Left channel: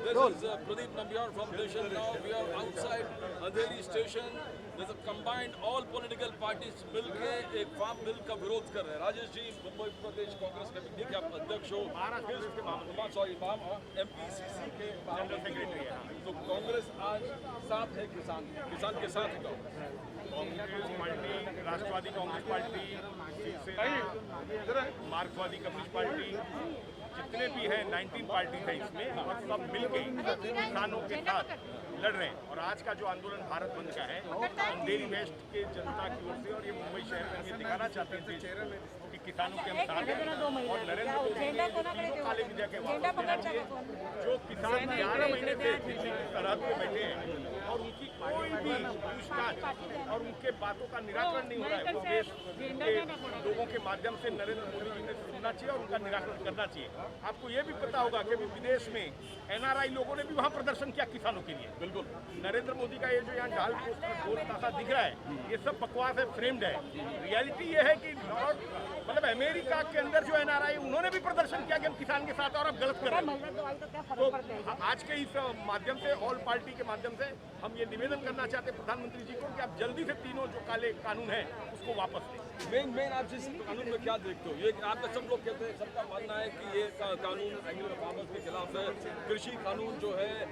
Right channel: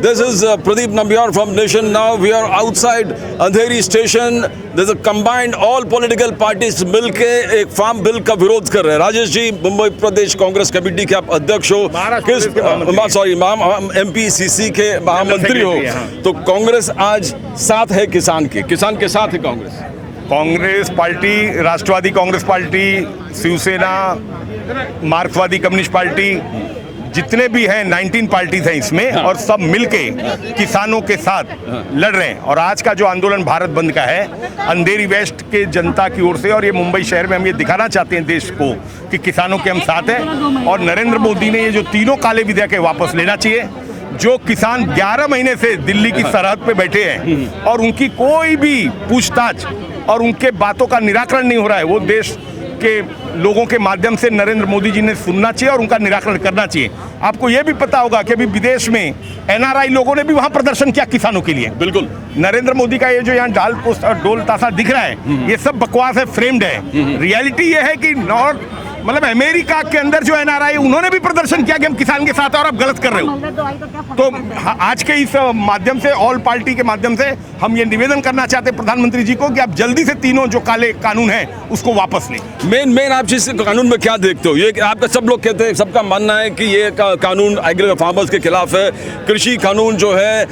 This is Pradeep Nambiar from Nation Now. We are outside Andheri station. There's a combined all political parties मिलके एक farm bill का विरोध कर रहे हैं। राजेश जी, मुंबई प्रदेश कांग्रेस कमेटी के आप अध्यक्ष हो, किस MPCC के महामंत्री हो, तो कांग्रेस आज साथ है किसान के साथ है कांग्रेस। कांग्रेस पार्टी, राष्ट्रवादी कांग्रेस पार्टी, शिवसेना, मार्क्सवादी कम्युनिस्ट पार्टी, जितने भी हैं 19 पार्टीज हैं इसमें, और सब मिलके किसानों के साथ लड़ रहे हैं। और आज का जो आंदोलन भारत बंद का है, अंधेरी वेस्ट के जनता की ओर से, और ये मुंबई शहर में हम ये दिखाना चाहते हैं देश को कि किसानों के हम साथ हैं। और नरेंद्र मोदी ने ये जो तीनों काले विधेयक है वापस लेना चाहिए। जो किसान 11 महीने से दिल्ली की सरहद पे बैठे हैं और उनकी कोई भी पूछताछ और उनके बातों का निराकरण नहीं हो रहा है, वो देश के लोगों के माध्यम से नरेंद्र मोदी जी ने सुनना चाहिए और उनका निराकरण करना चाहिए। आपको यह भी पता होगा कि अभी विदेश में NRI लोगों ने भी वहां प्रदर्शन किया किसानों के लिए। बिल्कुल, नरेंद्र मोदी का ये जो यहाँ डाल पोस्ट और डोल ताशा दिख रहा है, ये सब बकवास है, फ्रेम्ड है। रियलिटी ये है कि नॉर्थ मतलब अमेरिका के अंदर जो NRI उन्होंने भी प्रदर्शन किया कि हम किसान के साथ, और आप गलत कर रहे हो। तो आज के इस माध्यम से, ऑल पार्टी के माध्यम से हम ये निवेदन करना चाहते हैं प्रधानमंत्री जी को कि आप जल्दी से तीनों जो काले कानून हैं उसको वापस लें। मेन आप जिस कानून में क्या देखते हो? ये आपका सब लोग कहते हैं, सबका मानना है कि ये कानून एग्री फार्मर्स के खिलाफ है, कृषि कानून जो है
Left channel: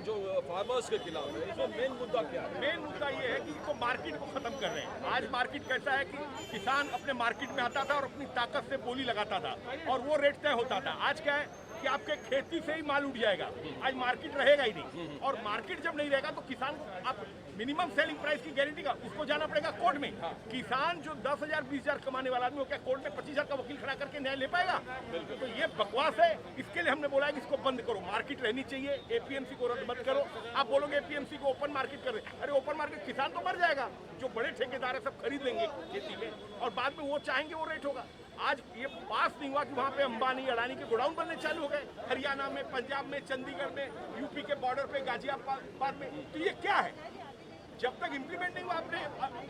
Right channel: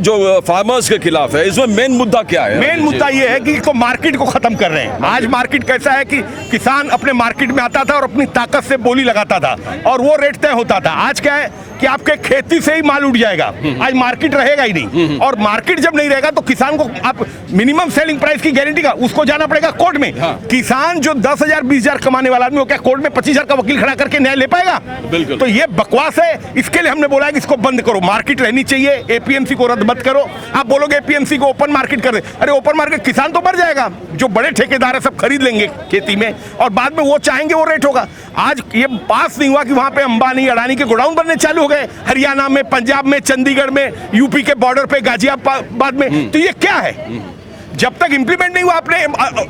जो फार्मर्स के खिलाफ है। इसमें मेन मुद्दा क्या है? मेन मुद्दा ये है कि इसको मार्केट को खत्म कर रहे हैं। आज मार्केट कैसा है कि किसान अपने मार्केट में था और अपनी ताकत से बोली लगाता था और वो रेट तय होता था। आज क्या है कि आपके खेती से ही माल उठ जाएगा, आज मार्केट रहेगा ही नहीं। और मार्केट जब नहीं रहेगा तो किसान को आप मिनिमम सेलिंग प्राइस की गारंटी का उसको जाना पड़ेगा कोर्ट में। किसान जो 10,000 20,000 कमाने वाला आदमी, वो क्या कोर्ट में 25,000 का वकील खड़ा करके न्याय ले पाएगा? बिल्कुल। तो ये बकवास है। इसके लिए हमने बोला है कि इसको बंद करो, मार्केट रहनी चाहिए, APMC को रद्द मत करो। आप बोलोगे APMC को ओपन मार्केट कर दे, अरे ओपन मार्केट किसान तो मर जाएगा, जो बड़े ठेकेदार है सब खरीद लेंगे खेती में और बाद में वो चाहेंगे वो रेट होगा। आज ये पास नहीं हुआ कि वहां पे अंबानी अडानी के गोडाउन बनने चालू हो गए, हरियाणा में, पंजाब में, चंडीगढ़ में, यूपी के बॉर्डर पे, गाजियाबाद में। तो ये क्या है? जब तक इंप्लीमेंट नहीं हुआ, आपने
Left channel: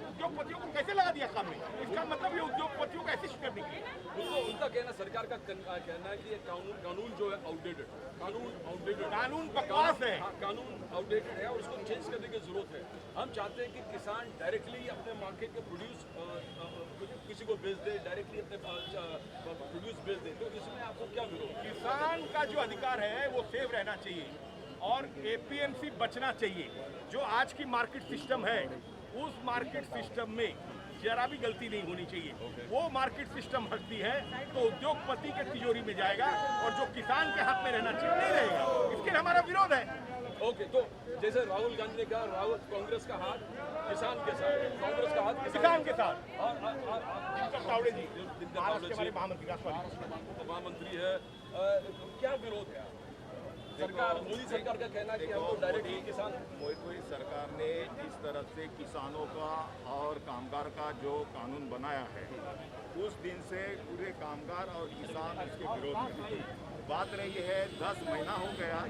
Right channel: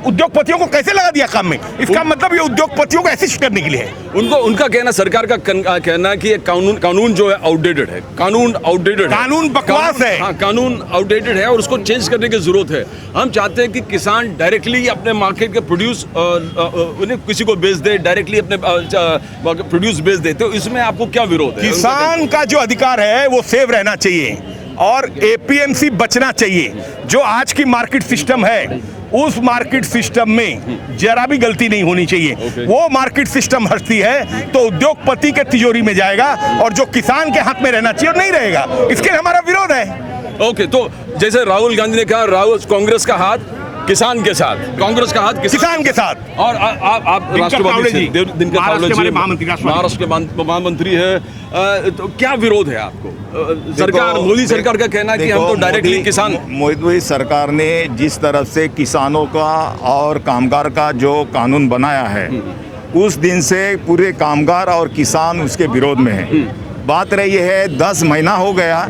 उद्योगपतियों को कैसे लगा दिया काम में? इसका मतलब ये उद्योगपतियों को असिस्ट करने के लिए है। उनका कहना, सरकार का कहना है कि ये कानून जो है आउटडेटेड है, कानून बकवास है। हाँ, कानून आउटडेटेड है और उसको चेंज करने की जरूरत है। हम चाहते हैं कि किसान डायरेक्टली अपने मार्केट के प्रोड्यूस उन्हें किसी को बेच दे, डायरेक्टली अपने प्रोड्यूस बेच दे। तो इसमें आपको क्या विरोध है? किसान का जो अधिकार है वो सेव रहना चाहिए और APMC बचना चाहिए। जो आज की मार्केट सिस्टम है, उस मार्केट सिस्टम में जरा भी गलती नहीं होनी चाहिए। वो मार्केट सिस्टम हटती है तो उद्योगपति के तिजोरी में जाएगा और जो किसान के हाथ में रहना चाहिए नहीं रहेगा। इसके लिए हमारा विरोध है। ओके, तो जैसे राहुल गांधी ने कहा, कांग्रेस का हाथ किसान के साथ, कांग्रेस का हाथ किसान के साथ। और आप राष्ट्रवादी से, महाराष्ट्र के महामंत्री है, तो क्या विरोध है आपको? सरकार, मोदी सरकार का कहना है कि हम तो डायरेक्टली किसान। मोदी सरकार ने जिस तरफ से किसानों का और कामगार का जो कानून बनाया है, उस दिन से पूरे कामगार और किसान उसके विरोध में है। बात रही है 10 महीना हो गया,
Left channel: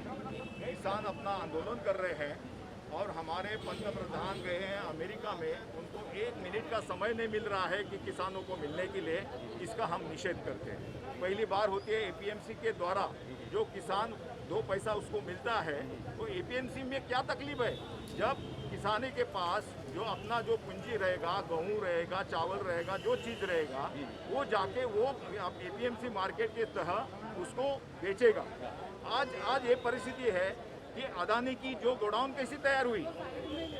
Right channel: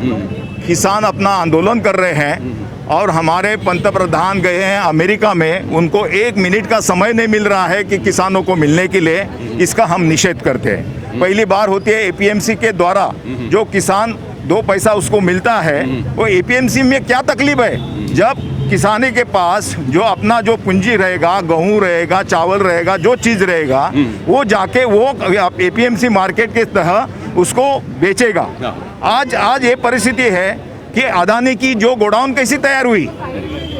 किसान अपना आंदोलन कर रहे हैं और हमारे पंतप्रधान गए हैं अमेरिका में, उनको 1 मिनट का समय नहीं मिल रहा है कि किसानों को मिलने के लिए। इसका हम निषेध करते हैं। पहली बार होती है APMC के द्वारा जो किसान 2 पैसा उसको मिलता है, वो APMC में क्या तकलीफ है? जब किसानी के पास जो अपना जो पूंजी रहेगा, गेहूँ रहेगा, चावल रहेगा, जो चीज़ रहेगा, वो जाके वो APMC मार्केट के तहत उसको बेचेगा। आज ये परिस्थिति है कि अदानी की जो गोडाउन कैसी तैयार हुई,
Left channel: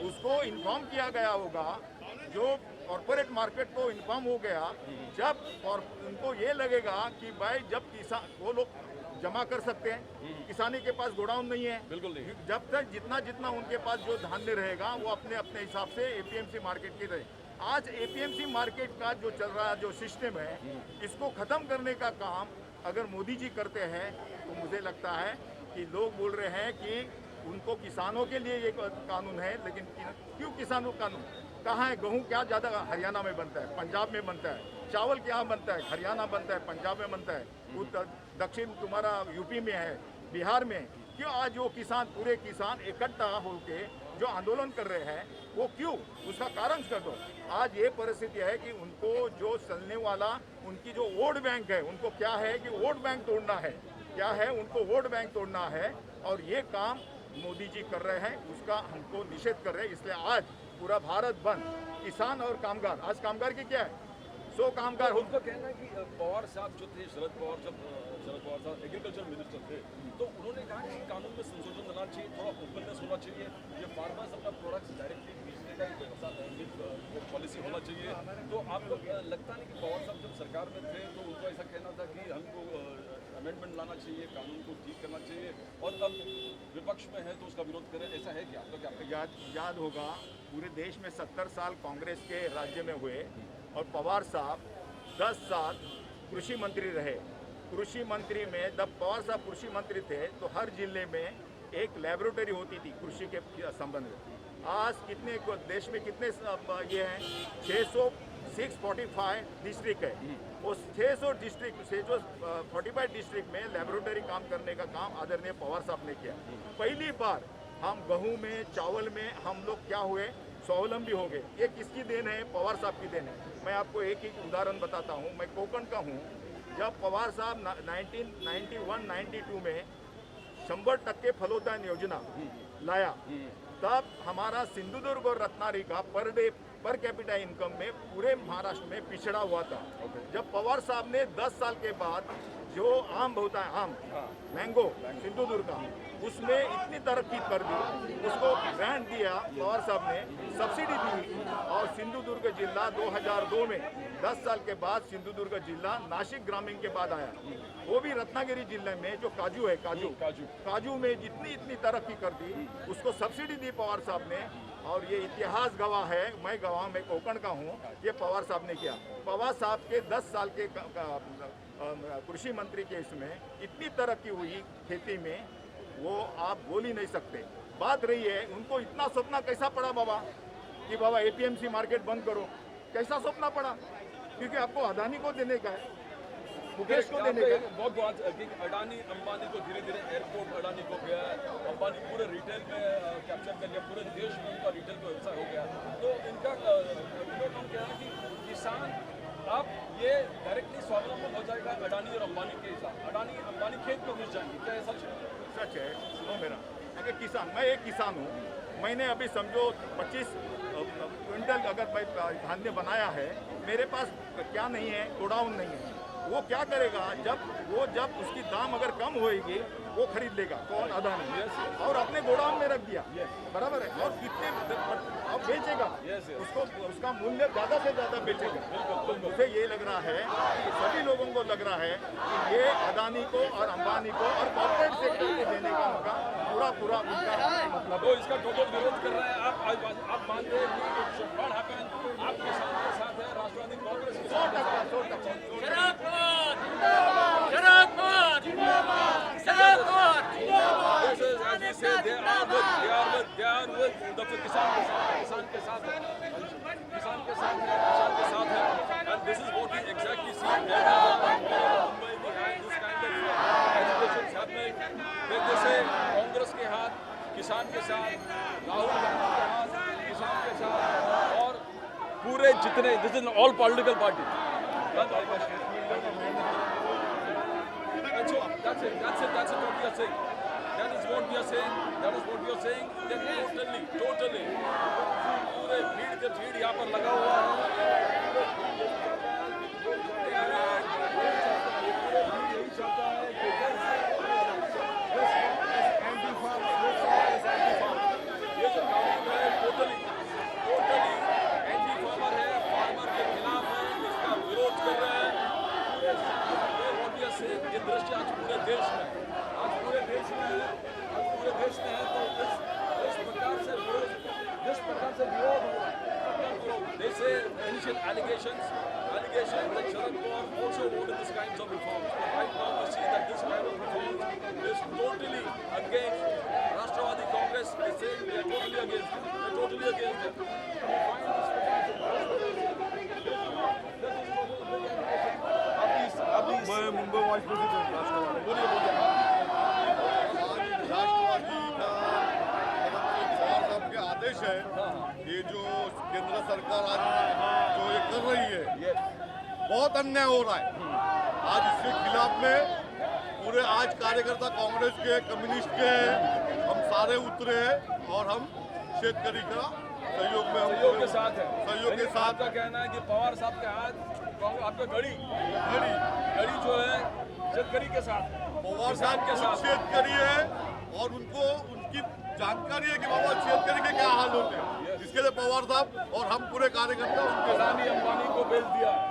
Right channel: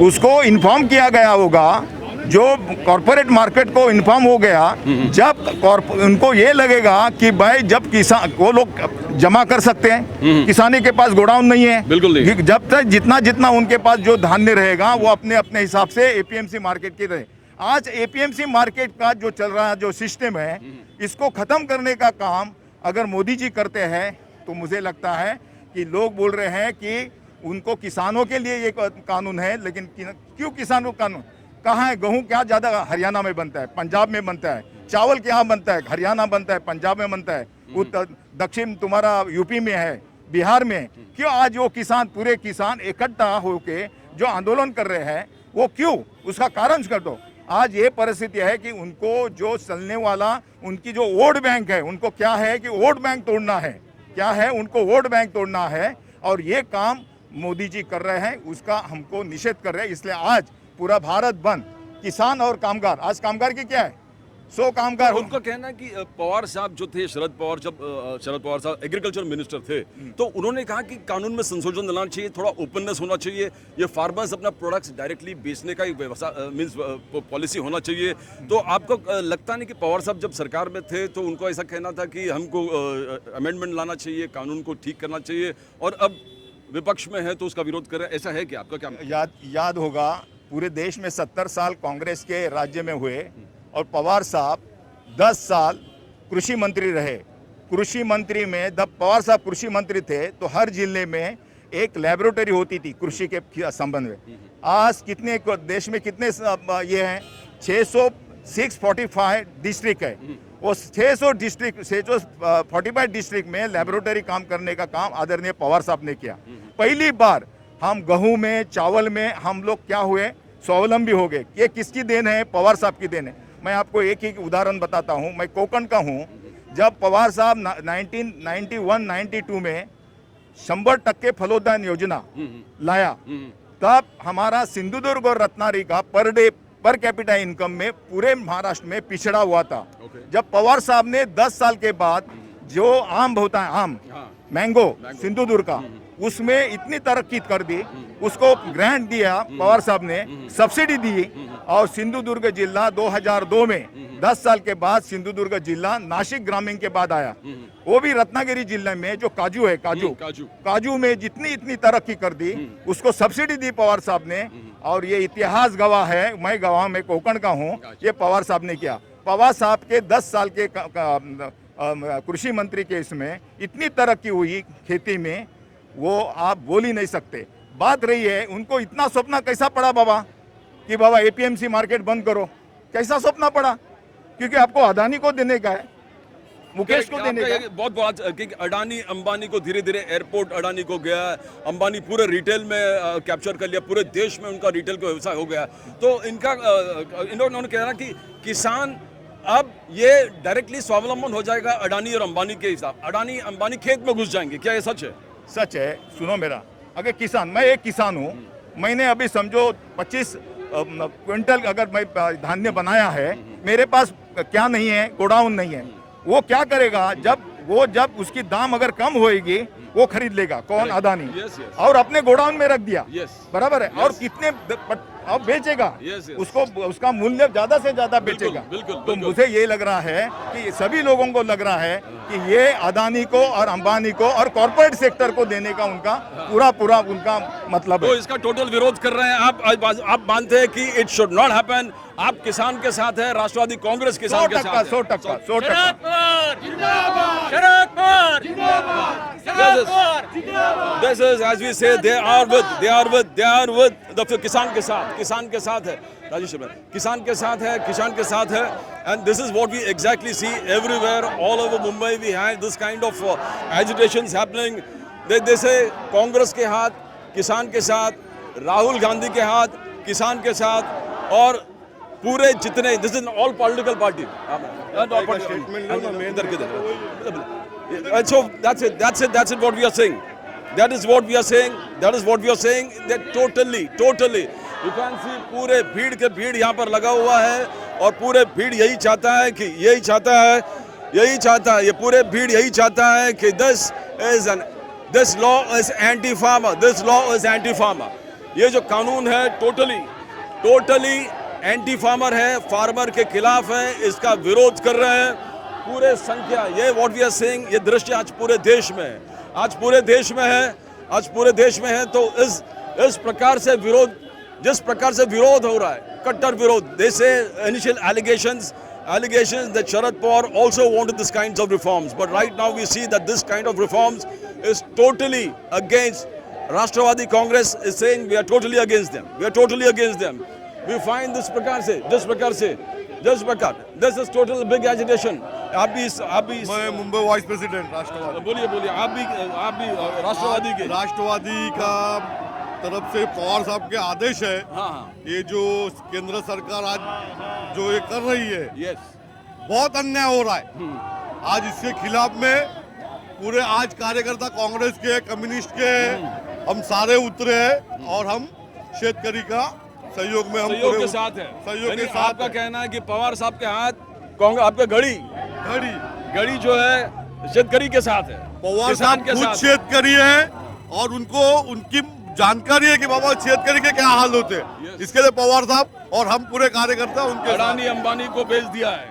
उसको इन्फॉर्म किया गया होगा, जो कॉरपोरेट मार्केट को इन्फॉर्म हो गया। जब उनको ये लगेगा कि भाई जब किसान, वो लोग जमा कर सकते हैं, किसानी के पास गोडाउन नहीं है, बिल्कुल नहीं। जब तक जितना उनके पास जो धान्य रहेगा वो अपने अपने हिसाब से APMC मार्केट की रहे। आज APMC मार्केट का जो चल रहा है जो सिस्टम है, इसको खत्म करने का काम अगर मोदी जी करते हैं तो मुझे लगता है कि लोग बोल रहे हैं कि उनको किसानों के लिए ये कानून है, लेकिन क्यों किसानों का कानून? कहाँ है? गेहूँ क्या ज़्यादा हरियाणा में बनता है, पंजाब में बनता है। चावल क्या बनता है? हरियाणा बनता है, पंजाब में बनता है, उत्तर दक्षिण तुम्हारा यूपी में है, बिहार में। क्यों आज वो किसान, पूरे किसान इकट्ठा होके जो आंदोलन कर रहे हैं, वो क्यों? उसका कारण कर दो। आज ये परिस्थिति है कि उनको जो चलने वाला उनकी जो वोट बैंक है, उनको क्या है कि वोट बैंक तोड़ना है। क्या है? उनको वोट बैंक तोड़ना है और ये काम मोदी जी कर रहे हैं, उसका हमको निषेध कर रहे हैं। इसलिए आज पूरा भारत बंद, किसान और कामगार, आज कामगार की क्या है, 100 कामगार। उनको कहना है कि पवार साहब जो थे, शरद पवार साहब एग्रीकल्चर मिनिस्टर थे, तो उन्होंने कहा कि कानून में संशोधन लाना चाहिए, थोड़ा ओपननेस होना चाहिए, ये फार्मर्स अपना प्रोडक्ट्स डायरेक्टली बेचने का एक व्यवस्था मीन्स पॉलिसी होना चाहिए। तो आपको लगता नहीं कि पवार साहब जब सरकार में थे तो उनको ऐसा कहना था कि हमको अमेंडमेंट लाना चाहिए, कानून को ठीक करना चाहिए, और अब विपक्ष में है तो उसका विरोध कर रहे हैं, ऐसा है क्या? आपका क्या याद होगा, पूरे देश में 70 साल कांग्रेस के राज्य में हुए और पवार साहब 10 साल कृषि मंत्री रहे। कृषि मंत्री में जब पवार साहब कृषि मंत्री थे तो हर जिले में एक लैबोरेटरी होती थी कृषि के संबंध में। आज कितने देश में कितने ये हैं, 645 डिस्ट्रिक्ट है, वो 645 डिस्ट्रिक्ट में लैबोरेटरी काम करने का काम आदरणीय पवार साहब ने किया। पहली बार हम गेहूं में, चावल में हम लोग क्या हुए, स्वावलंबी हो गए। ये किसकी देन है? पवार साहब की देन है। मैं आपको एक ही उदाहरण बताता हूं, मैं कोकण का हूं। जब पवार साहब 1991-92 में 100% फलोदान योजना लाया, तब हमारा सिंधुदुर्ग और रत्नागिरी का पर कैपिटा इनकम में पूरे महाराष्ट्र में पिछड़ा हुआ था। जब पवार साहब ने 10 साल के बाद जो आम होता है, आम मैंगो सिंधुदुर्ग का, उसमें इतनी तरक्की कर दी, उसको ग्रांट दिया पवार साहब ने, सब्सिडी दी, और सिंधुदुर्ग जिला 2002 में 10 साल के बाद सिंधुदुर्ग जिला नासिक ग्रामीण के बाद आया। वो भी रत्नागिरी जिले में जो काजू है, काजू में जितनी इतनी तरक्की कर दी, उसको सब्सिडी दी पवार साहब ने। और ये इतिहास गवाह है, मैं गवाह, मैं कोकण का हूँ, ये पवार साहब ने किया। पवार साहब के 10 साल के कृषि मंत्री के इसमें इतनी तरक्की हुई खेती में, वो आप बोल ही नहीं सकते। बात रही है उनको इतना सपना कैसा पड़ा बाबा कि बाबा एपीएमसी मार्केट बंद करो, कैसा सपना पड़ा? क्योंकि आपको अदानी को देने का है, मुकेश को देने का। बहुत बात कि अडानी अंबानी को धीरे धीरे एयरपोर्ट अडानी को गया, अंबानी पूरे रिटेल में कैप्चर कर लिया, पूरे देश में उनका रिटेल का व्यवसाय हो गया। तो इनका इन्होंने कहना कि किसान अब ये डायरेक्टली स्वावलंबन हो जाएगा अडानी और अंबानी के हिसाब, अडानी अंबानी खेत में घुस जाएंगे, क्या ये सच है? सच है। सुनो मेरा, अगर किसान, मैं एक किसान हूँ, मैंने अभी समझो 25 क्विंटल अगर मैं धान्य बनाया है, मेरे पास क्या नहीं है, गोडाउन नहीं है। वो क्या करेगा? जब उसकी दाम अगर कम होएगी, वो खरीद लेगा। कौन? अदानी। और अपने गोडाउन में रख दिया, बराबर है। और कितने अब बेचेगा? उसको उसका मूल्य ज्यादा से ज्यादा बेचेगा। तो मुझे ये लग रहा है कि सभी लोगों को लग रहा है कि ये अदानी को और अंबानी को और कॉर्पोरेट सेक्टर को देने का उनका पूरा उनका मतलब है। तो इसका टोटल विरोध कर रहे हैं आप मानते हैं कि इट शुड नॉट हैपन? आप किसान के साथ है, राष्ट्रवादी कांग्रेस किसान के साथ? 100%। This is, as we say, they are with the किसान के साथ है। राजेश भाई, किसान के साथ है, and this is what we exactly see everywhere, all over Mumbai. We have this kind of agitations happening. They say Congress के हाथ किसान के साथ, राहुल गांधी के हाथ किसान के साथ, और पूरे जितने, this is all political party. So that's it what we are saying. That is what we are saying. That totally you can see पूरे भीड़ यहाँ पर लगा हुआ है, और पूरे भीड़ यही चाहता है ये पूरे भीड़ यही चाहता है कि this law is anti-farmer. ये जो कानून है टोटली एंटी फार्मर है, फार्मर के खिलाफ है, इसका विरोध कर रहे हैं पूरे संख्या। ये व्हाट वी आर सेइंग, ये दृश्य आज पूरे देश में है। तो इस प्रकार से विरोध, जिस प्रकार से विरोध हो रहा है, कट्टर विरोध, they say initial allegations that Sharad Pawar also wanted this kinds of reforms, but right now we see that this kind of reforms is totally against. Rashtrawadhi Congress is saying we are totally against them. We find this प्रकार से this is total big agitation. आप भी मैं Mumbai vice president राष्ट्रवादी। बोलिए आप भी राष्ट्रवादी का तरफ से पवार साहब के आदेश है। हाँ। ये जो केंद्र सरकार आज जो ये कर रही है, Yes. बहुत अन्याय हो रहा है। आज इसके खिलाफ में पूरे आज कार्यकर्ता कांग्रेस के, कम्युनिस्ट के, हम सारे उतरे हैं और हम शेतकरी का सहयोग में हम सहयोग के साथ है। सहयोग के यानी साथ आपका कहना है कि पवार साहब के हाथ कांग्रेस, आपका घड़ी जो है शेतकरी के साथ है, पवार किसान साहब के खुद साथ। शेतकरी है और उनको उनकी जानकारी है कि बाबा शेतकरी के क्या हाल होते हैं। इसके लिए पवार साहब और हम पूरे कार्यकर्ता उनके साथ। अडानी अंबानी को बेच दिया है।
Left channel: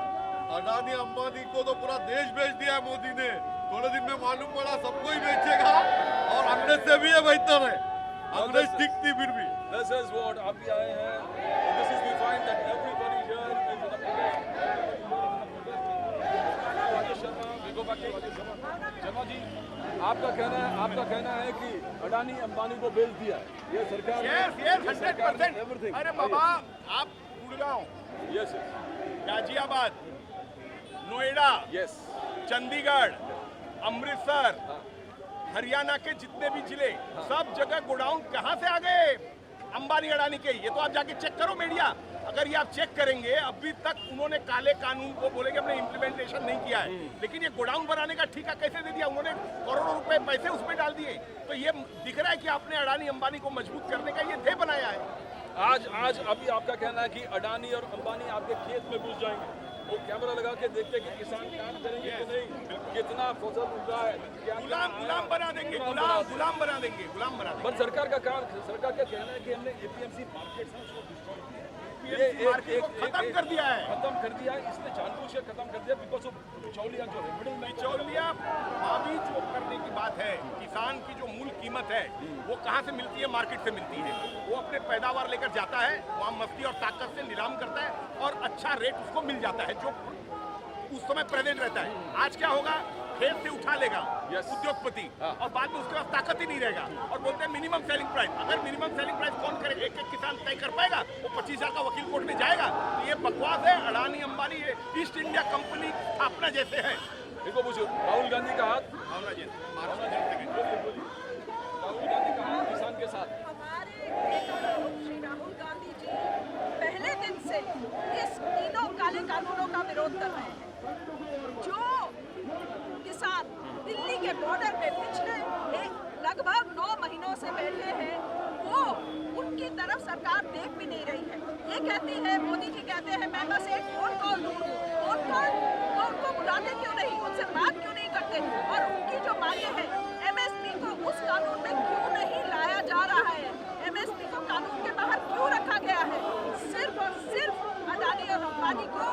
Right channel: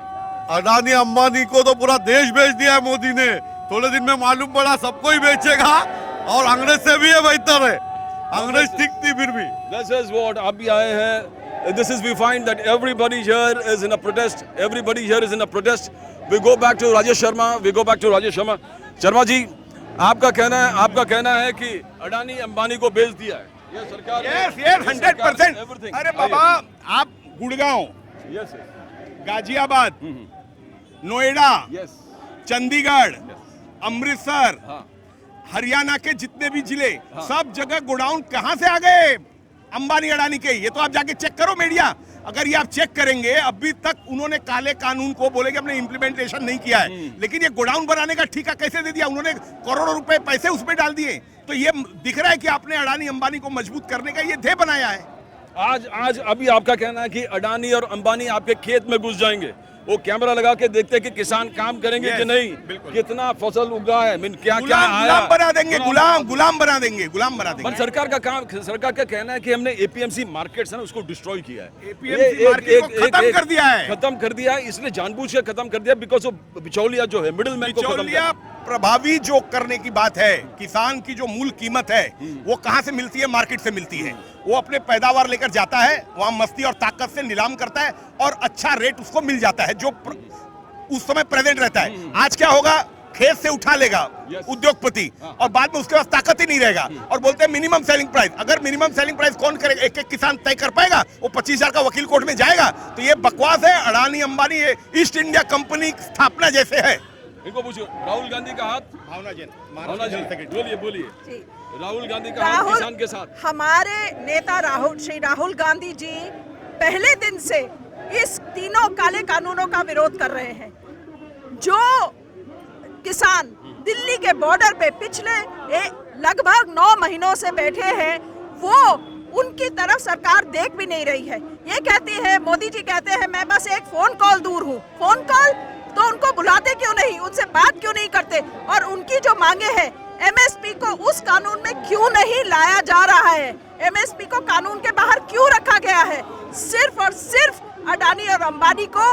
अडानी अंबानी को तो पूरा देश बेच दिया है मोदी ने। थोड़े दिन में मालूम पड़ा सबको ही बेचेगा और अंग्रेज से भी ये बेहतर है। अंग्रेज ठीक थी फिर भी। This is what आप भी आए हैं। This is we find that everybody here is in a protest. Everybody here is in a protest. We go back to Rajesh Sharma. We go back to Rajesh Sharma. Sharma ji, आपका कहना है कि अडानी अंबानी को बेच दिया है। ये सरकार ने- यस ये 100%। everything। अरे बाबा, आप गुड़गांव, Yes, गाजियाबाद, नोएडा, yes, चंडीगढ़, अमृतसर, हाँ। हरियाणा के जितने भी जिले, सब जगह गोडाउन कहां से आ गए? अंबानी अडानी के। ये तो आप जाके चेक करो मीडिया। अगर ये आप चेक करेंगे, अभी तक उन्होंने काले कानून को बोले कि हमने इम्प्लीमेंटेशन नहीं किया है, लेकिन ये गोडाउन बनाने का ठेका कैसे दे दिया? उन्होंने करोड़ों रुपए पैसे उसमें डाल दिए। तो ये दिख रहा है कि आपने अडानी अंबानी को मजबूत करने का ये ध्येय बनाया है। आज अभी आपका कहना है कि अडानी और अंबानी आपके खेत में घुस जाएंगे, वो कैमरा लगा के देखते हैं कि किसान काम करेंगे कि नहीं, कितना फसल उगा है, क्या क्या आया। गुलाम बना देंगे, गुलाम बना देंगे। पर सरकार का कहना है कि हमने एपीएमसी मार्केट्स है ना उसको डिस्ट्रॉय किया है। APMC मार्केट को खत्म कर दिया है। खत्म कर दिया है, इसलिए जानबूझ के खत्म कर दिया बिकॉज ऑफ बिचौलिया जो है, मिडिल मैन को खत्म बिचौलिया प्रभावी जो करने की बात है, किसान की जो मूल कीमत है वो कहां से मिलती है? मार्केट से मिलती है। वो अपने पैदावार लेकर जाता है, वहां मस्ती और ताकत से नीलाम करता है और अच्छा रेट उसको मिल जाता है जो उस समय प्रेजेंट रहता है। आज क्या होगा? खेत से उठा लेगा उद्योगपति और बाद में उसके पास ताकत ही नहीं रहेगा और बोलते हैं मिनिमम सेलिंग प्राइस। अगर मिनिमम सेलिंग प्राइस कौन करेगा? एक एक किसान तय कर पाएगा? वो 25,000 का वकील कोर्ट में जाएगा? तो ये बकवास है। अडानी अंबानी ये ईस्ट इंडिया कंपनी स्थापना जैसे है। इनको पूछो, राहुल गांधी का हाथ बोलिए राहुल गांधी का हाथ किसान के साथ। हमारे नेता श्री राहुल गांधी जी पहले दिन से इस तीनों काले कानूनों का विरोध कर रहे हैं। जो किसान दिल्ली के बॉर्डर पे पिछले लगभग 9 महीनों से बैठे हैं, वो उनकी तरफ सरकार देख भी नहीं रही है। ये कहती है, मोदी जी कहते हैं मैं बस एक फोन कॉल दूर हूँ। फोन कॉल तो उनको बुलाते क्यों नहीं, उनसे बात क्यों नहीं करते? और उनकी जो मांगे हैं, एमएसपी को उस कानून में क्यों नहीं लाया जा रहा है? एमएसपी को कानून के बाहर क्यों रखा गया है? सिर्फ और सिर्फ अडानी और अंबानी को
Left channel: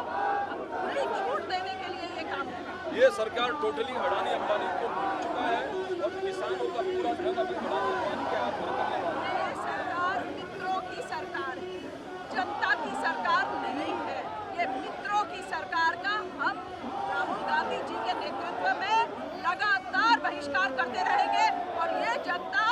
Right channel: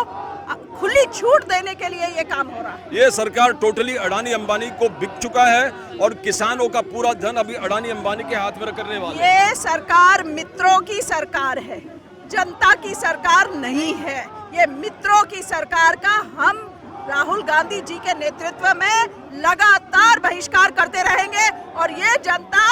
खुली छूट देने के लिए ये काम हो रहा है। ये सरकार टोटली अडानी अंबानी को बिक चुका है और किसानों का पूरा धन अभी अडानी अंबानी के हाथ में करने वाला है। ये सरकार मित्रों की सरकार है, जनता की सरकार नहीं है। ये मित्रों की सरकार का हम राहुल गांधी जी के नेतृत्व में लगातार बहिष्कार करते रहेंगे और ये जनता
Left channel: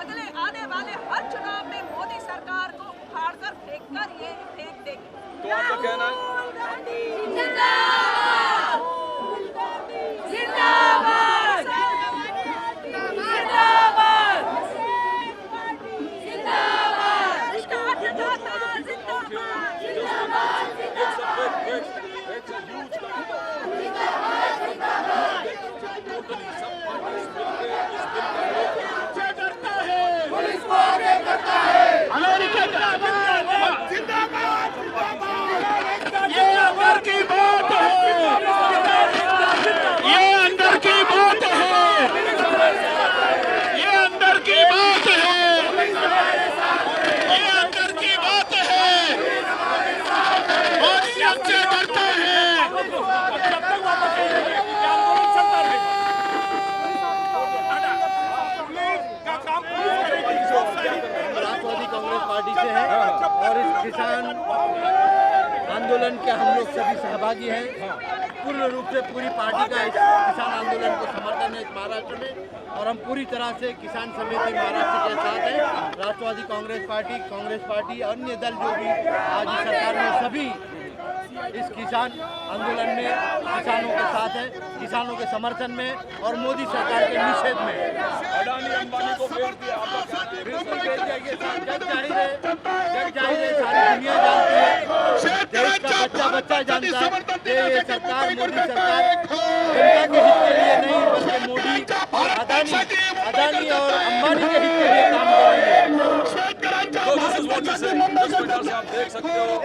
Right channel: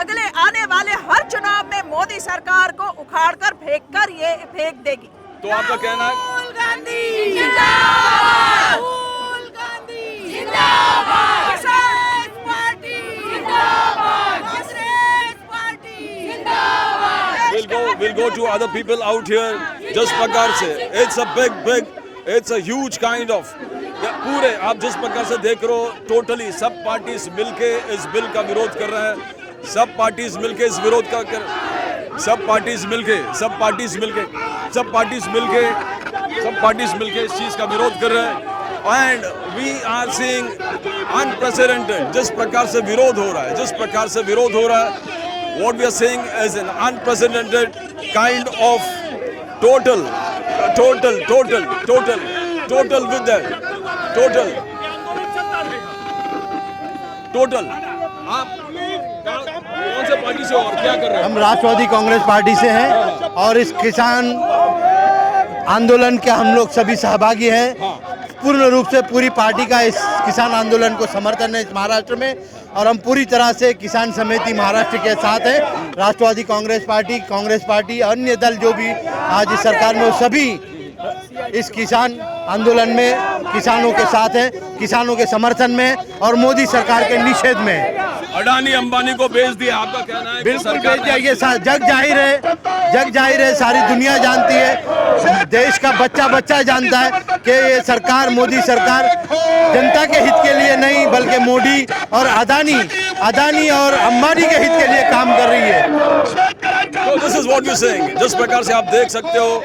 अगले आने वाले हर चुनाव में मोदी सरकार को उखाड़कर फेंक देगी। तो आपका कहना है राहुल गांधी जिंदाबाद, राहुल गांधी जिंदाबाद, कांग्रेस पार्टी जिंदाबाद, कांग्रेस पार्टी जिंदाबाद। we'll go to other people out here. Just प्रकार से it's a huge kind of पूरे आप जिस प्रकार से देख रहे हो, टोटली सब पार्टीज मिलके इस बिल का विरोध कर रहे हैं। सब पार्टीज मिलके इस विरोध का सब पार्टीज मिलके इस चीज का विरोध कर रहे हैं। And we are seeing unprecedented, जिस प्रकार से विरोध हो रहा है, what we are seeing is an unprecedented kind of total with that total आप कौन से पार्टी से और क्या कर रहे हैं? हम राष्ट्रवादी कांग्रेस पार्टी से हैं और इस किसान आंदोलन के हम लोग सभी सहभागी हैं। पूर्ण रूप से पूरी पार्टी का इस किसान आंदोलन को समर्थन है इस महाराष्ट्र में और हम पूरी तरह से किसान समिति महाराष्ट्र के साथ हैं। राष्ट्रवादी कांग्रेस पार्टी अन्य दल जो भी आज इस सरकार में, वो सभी इस किसान आंदोलन में किसानों के साथ हैं, किसानों के समर्थन में और मोदी सरकार के निषेध में। अडानी अंबानी को बेच दिया, आपका कहना है? बिल्कुल बेच दिया। ये जग जाहिर है, सारी दुनिया जानती है, देश का बच्चा बच्चा जानता है कि ये सरकार, मोदी सरकार जनता के हित के लिए नहीं बल्कि मोदी और अदानी और अंबानी के हित के लिए काम कर रही है। So this is what you're saying. जिस प्रकार से आप देख सकते हो,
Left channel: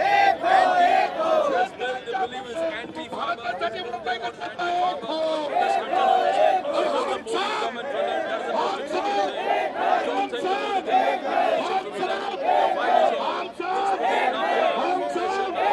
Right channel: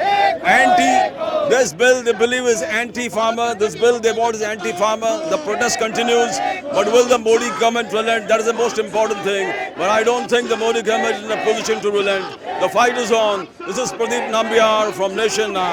this bill they believe is anti-farmer. This bill they want is anti-farmer. The protest continues, but will the Modi government relent? That is the most important thing. But I don't think the Modi government is in a position to relent. The fight is on. This is Pradeep Nambiar from Nation Now.